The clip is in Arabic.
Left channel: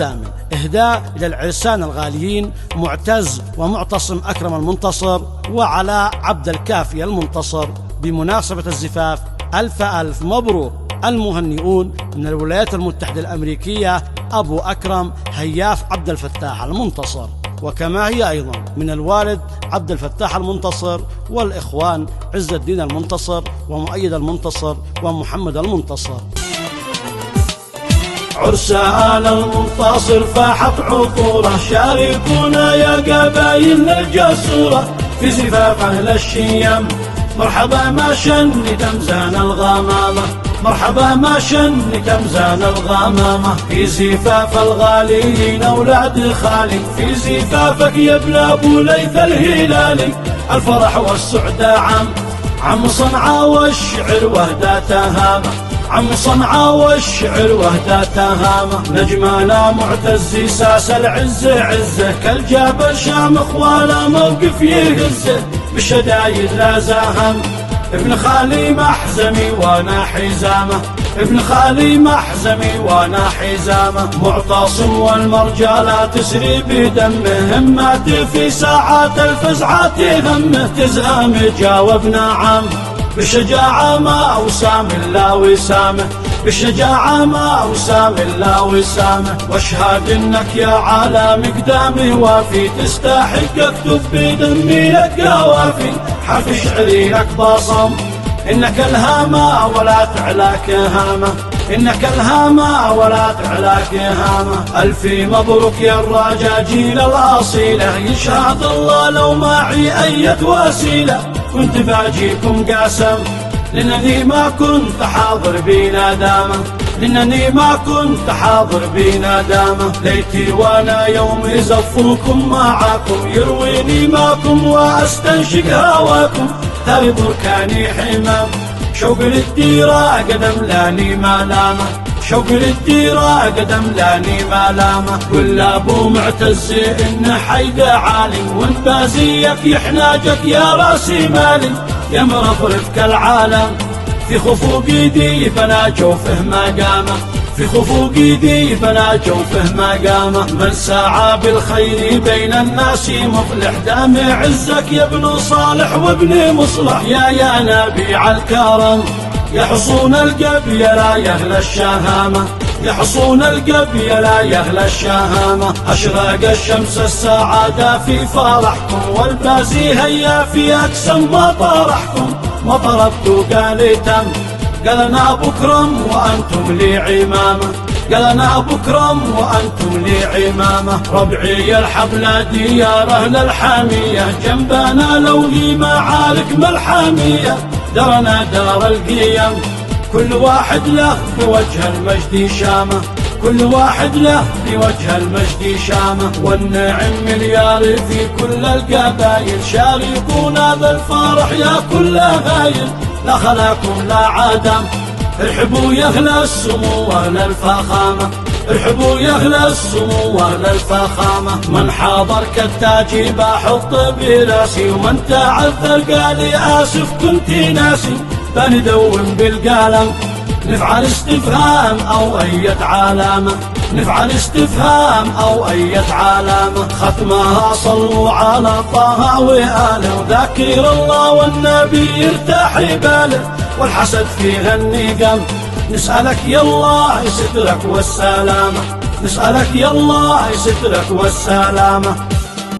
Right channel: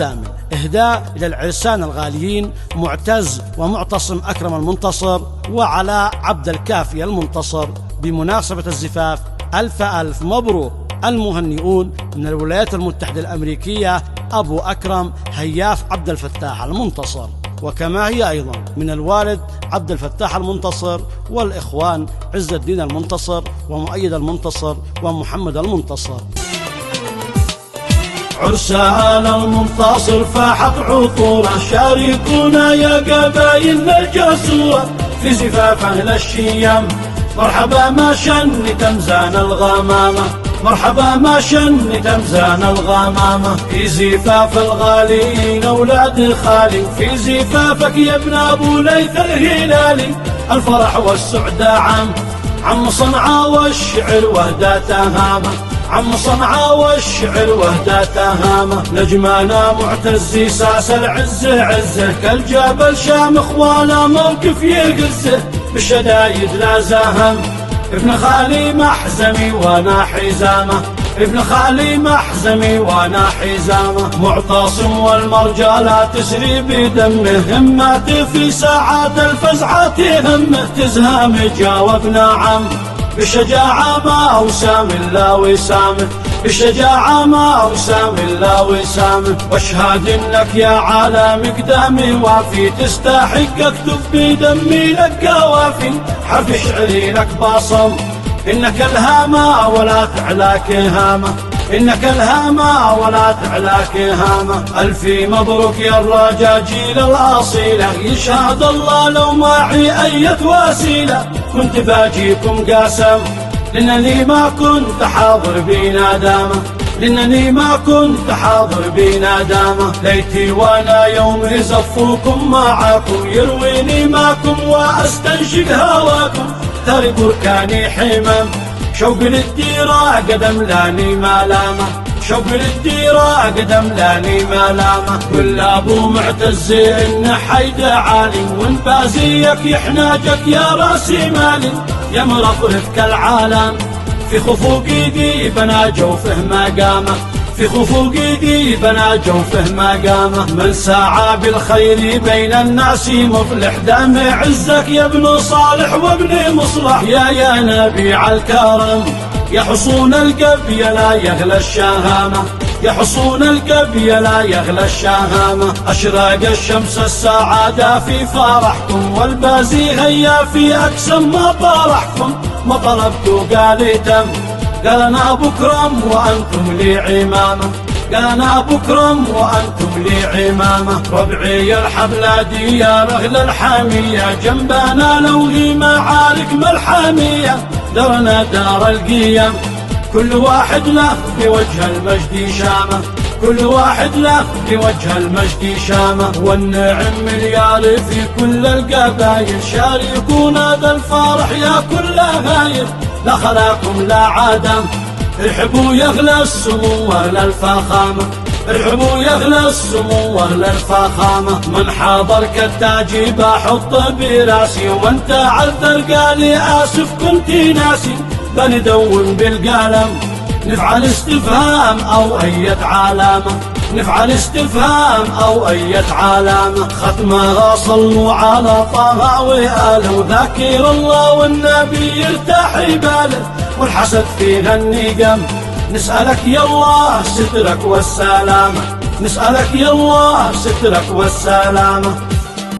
الثامن إهداء إلى العرسان الغاليين معتز ومعتصم أكرم المنتصر وعلاء عبد الكافي المنتصر بمناسبة الزفاف. ألف ألف مبروك. المهنئون من الولايات المتحدة الأمريكية أبو أكرم هياف عبد الفتاح المنتصر، وكما هي أيضا من الوالد عبد الفتاح المنتصر والإخوان عز الدين المنتصر ومؤيد المنتصر ومحمد المنتصر. عرسان المنتصر فاحت عطوره، شاركونا يا قبايلنا الجسورة في زفاف أهل الشيم. مرحبا ما شن تمزان الغمامة، مرحبا ما شن تمزان الغمامة في زفاف الغاليين أولاد خالي، في زفافك يا ابن أبو ليث الهلالي. الفرح والسعداء عم صنعاء والشعر وهدى تهامة، عم صنعاء والشعر وهدى تهامة. نجمنا معتز ساس العز عزه، كالجبل شامخ ولا موقف يهزه، بالشدايد لا زاهم ابن خالي محزمي وانا حزامه، ابن خالي محزمي وانا حزامه. معتصم والمرجى تسري بدمه، همه في ساعات الفزعات همه، تزهام جاوب نعم بالشجاعة ما أوسام إلا وسامه، بالشجاعة ما أوسام إلا وسامه. واشهد إنك يا عالم قدامي وافي، تستحق أكتب بدمي لك يا وافي. حرف شعري لك باصل إنك الهامة ولا تعلاك هامة، إنك الهامة ولا تعلاك هامة. ألفي مبروك يا الرجاجيل الأصيلة، يشهد الله لو معي أية وسيلة كنت باجيكم قاسم، لأنني ما كنت حاضر بينا دامة، لأنني ما كنت حاضر بينا دامة. ليتي وانا يوم يزفوكم معاكم، يرويني ماكم واستنشق هواكم. تالي بركاني حمام شوق للديرة قدم لاني ملامة، شوق للديرة قدم لاني ملامة. كل ابو معتز ان حيد عالي، وانت زيك يحناجك يا راسي مالي. يا مرفرف كالعالم في خفوق ايدي بنا جوفه مقامه، في خفوق ايدي بنا جوفه مقامه. من ساعة بالخير بين الناس مفلح، دام عزك يا ابن صالح وابن مصلح. يا نبيع الكرم يا حصون القبي لا يغلى الشهامة، يا حصون القبي لا يغلى الشهامة. أشرق الشمس السعادة في فرحكم، والبازي هيا في أقسم ما طرحكم. ما طردت قاليتم قال أنا بكرم وأنتم لي عمامة، قال أنا بكرم وأنتم لي عمامة. ربعي الحفلة ديار أهل الحامية، جنبنا لو هي معارك ملحامية. درنا دار القيم كل واحد له بوجه المجد شامة، كل واحد له بوجه المجد شامة. والنعم مليار في كل القبايل، شاركونا بالفرح يا كل غايل. لا خلاكم لا عدم ارحبوا يغلى السمو أهل الفخامة، ارحبوا يغلى السمو أهل الفخامة. من حاض الكتاجي بحط براسي، وانت عذر قالي آسف كنت ناسي. بندون بالقلم نفعل استفهام أو أية علامة، نفعل استفهام أو أية علامة. ختمها صلوا على طه وآله، ذاكر الله والنبي يرتاح باله. والحسد فيها النقم نسألك يا الله سترك والسلامة، نسألك يا الله سترك والسلامة.